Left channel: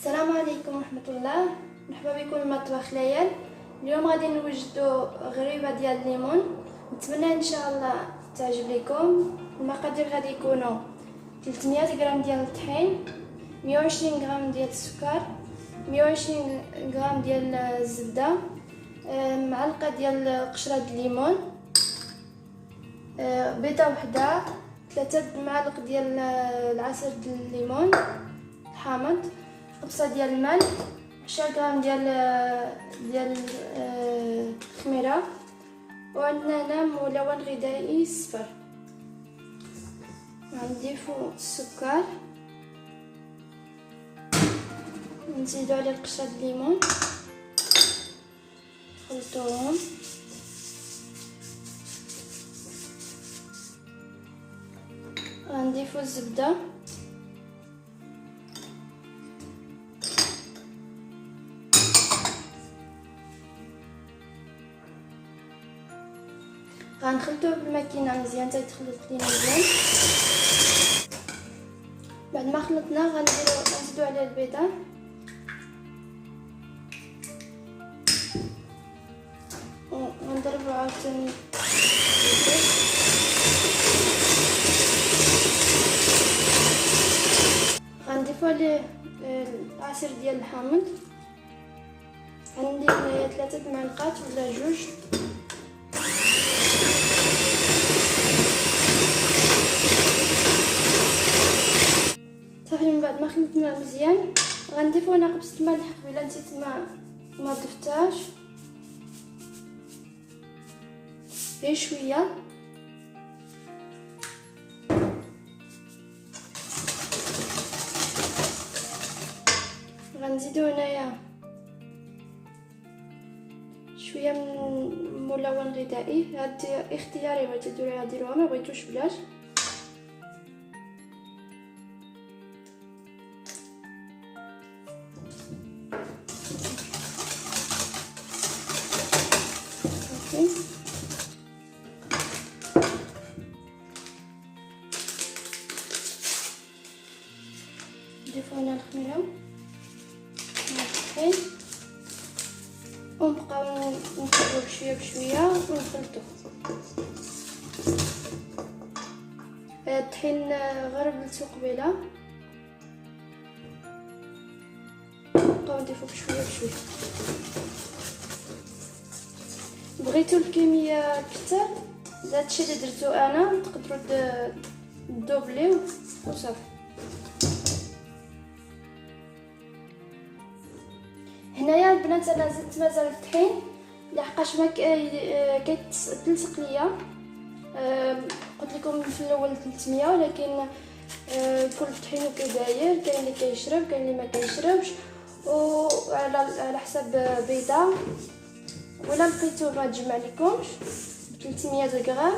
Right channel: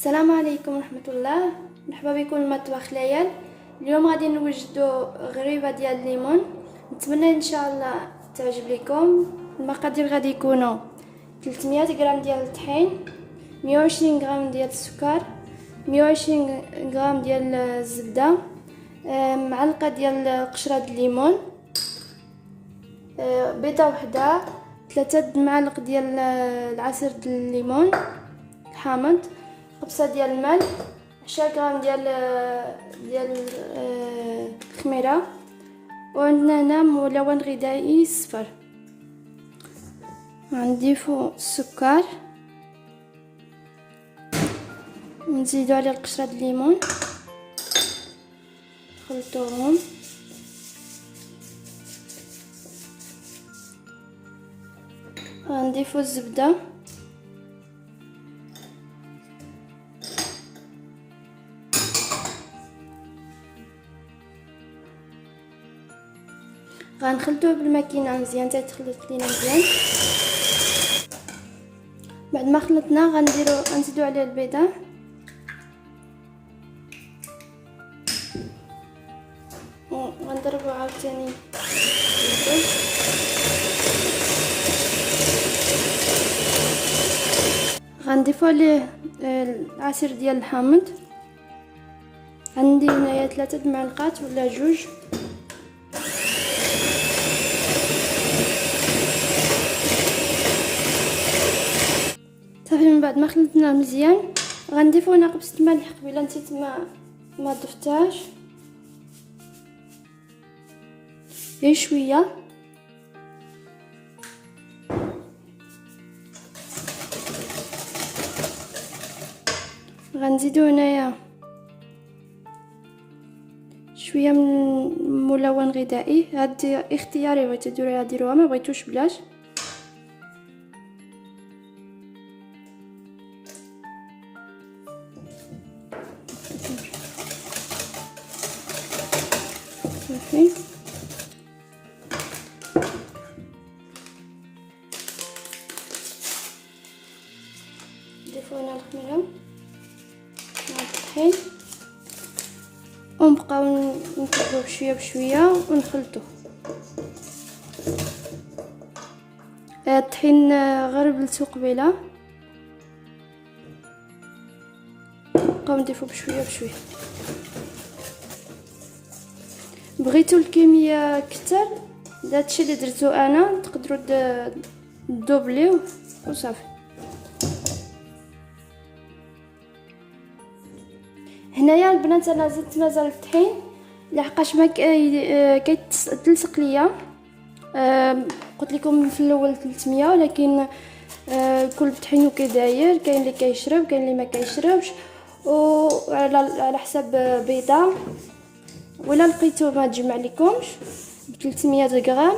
السلام عليكم ورحمة الله. مرحبا بكم المطبخ ليال. اليوم غادي نوجدوا غريبه ديال الليمون. نتمنى ان شاء الله تعجب لكم. المقادير غادي يكونوا 300 غرام ديال الطحين، 120 غرام ديال السكر، 120 غرام ديال الزبده، معلقه ديال قشره الليمون، بيضه وحده، 3 معالق ديال العصير ديال الليمون الحامض، خبزه ديال الملح، 10 غرام ديال الخميره، وعندنا هنا ملون غذائي صفر. غنضيفو السكر ونزيدو عليه قشره الليمون، نخلطوهم. غنضيفو الزبده، غنخلطوه بالماكينه مزيان حتى تخلط لينا مزيان. بعد ما خلطنا غنزيدو عليه البيضه، غنضربو عاوتاني، غنضيفو عليه العصير ديال الحامض. عندي هنايا 3 معلقات ولا 2. صافي من بعد ما خلطناه مزيان غنضيفو هنا قبصه ملح. قبيله نسيت ما ضفتهاش، غير شويه. غنزيدو هنايا شويه من ملون غذائي، هاد اختياري، بغيتو ديروها ديروها، ما بغيتوش بلاش. صافي نضيفو هنا الخميره والطحين ونبقاو نقلبوه بشويه بشويه ونخلطوه. الطحين غربلتو قبيله، نبقاو نضيفو بشويه بشويه. بغيتو الكميه كتر، هادشي اللي درتو انا، تقدروا دوبليو وصافي. هنايا البنات انا زدت مازال الطحين لحقاش ما كيتلصق ليا. قلت لكم في الاول 300، ولكن كل طحين وكيداير، كاين اللي كيشرب كاين اللي ما كيشربش، وعلى حساب بيضه. ولا لقيتو ما تجمع لكمش ب 300 غرام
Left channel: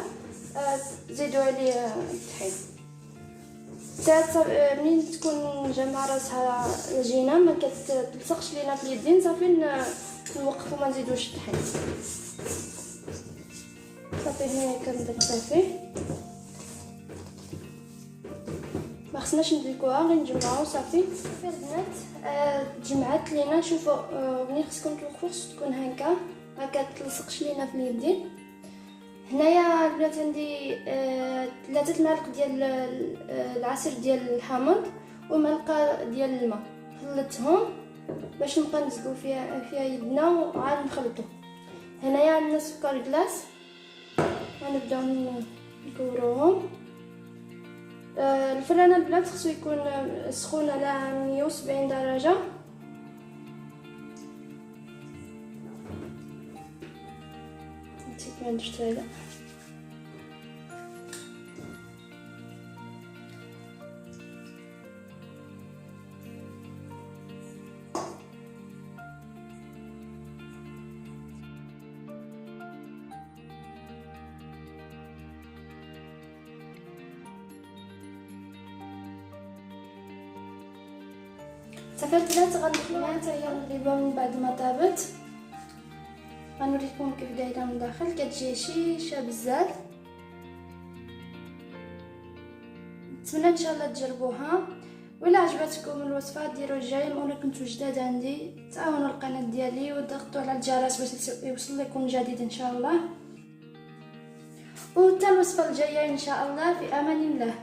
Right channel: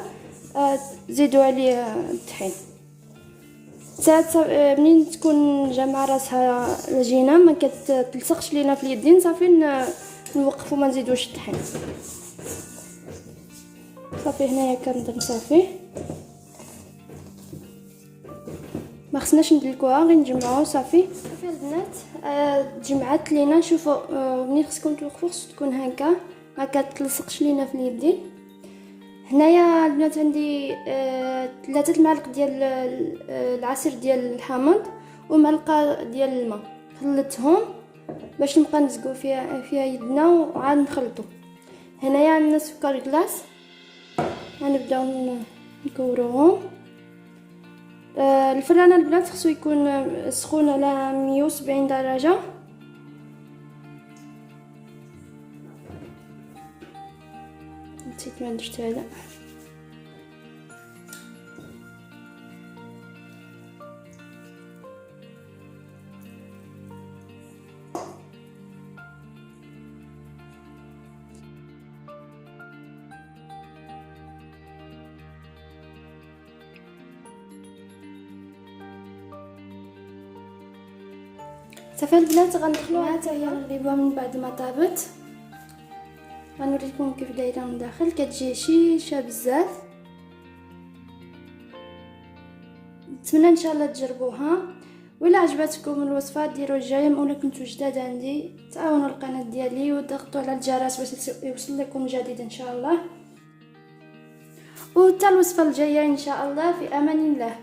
زيدوا عليه الطحين. منين تكون جامعه راسها العجينه ما كتلصقش لينا في اليدين، صافي نوقفوا ما نزيدوش الطحين. صافي هنايا كنظن صافي، ما خصناش ندلكوها، غير نجمعوها صافي. صافي البنات تجمعات لينا. شوفوا منين خصكم توقفوا، خصو تكون هكا ما كتلصقش لينا في اليدين. هنايا البنات عندي 3 معالق ديال العصير ديال الحامض ومعلقه ديال الماء، خلطتهم باش نبقى نزقو فيها يدنا وعاد نخلطو. هنايا عندنا سكر كلاص، غنبداو نكوروهم. الفران البنات خصو يكون سخون على 170 درجه. نسيت ما درت هذا. صافي البنات غنخلوها حتى هي الغريبه. من بعد ما طابت غنوريكم كيف دايره من داخل، كتجي شيشه بزاف. نتمنى ان شاء الله تجربوها. وإلا عجبتكم الوصفه ديروا الجيم، ولا كنتو جداد عندي تعاونوا القناه ديالي وضغطوا على الجرس باش يوصل لكم جديد ان شاء الله. وحتى الوصفه الجايه ان شاء الله، في امان الله.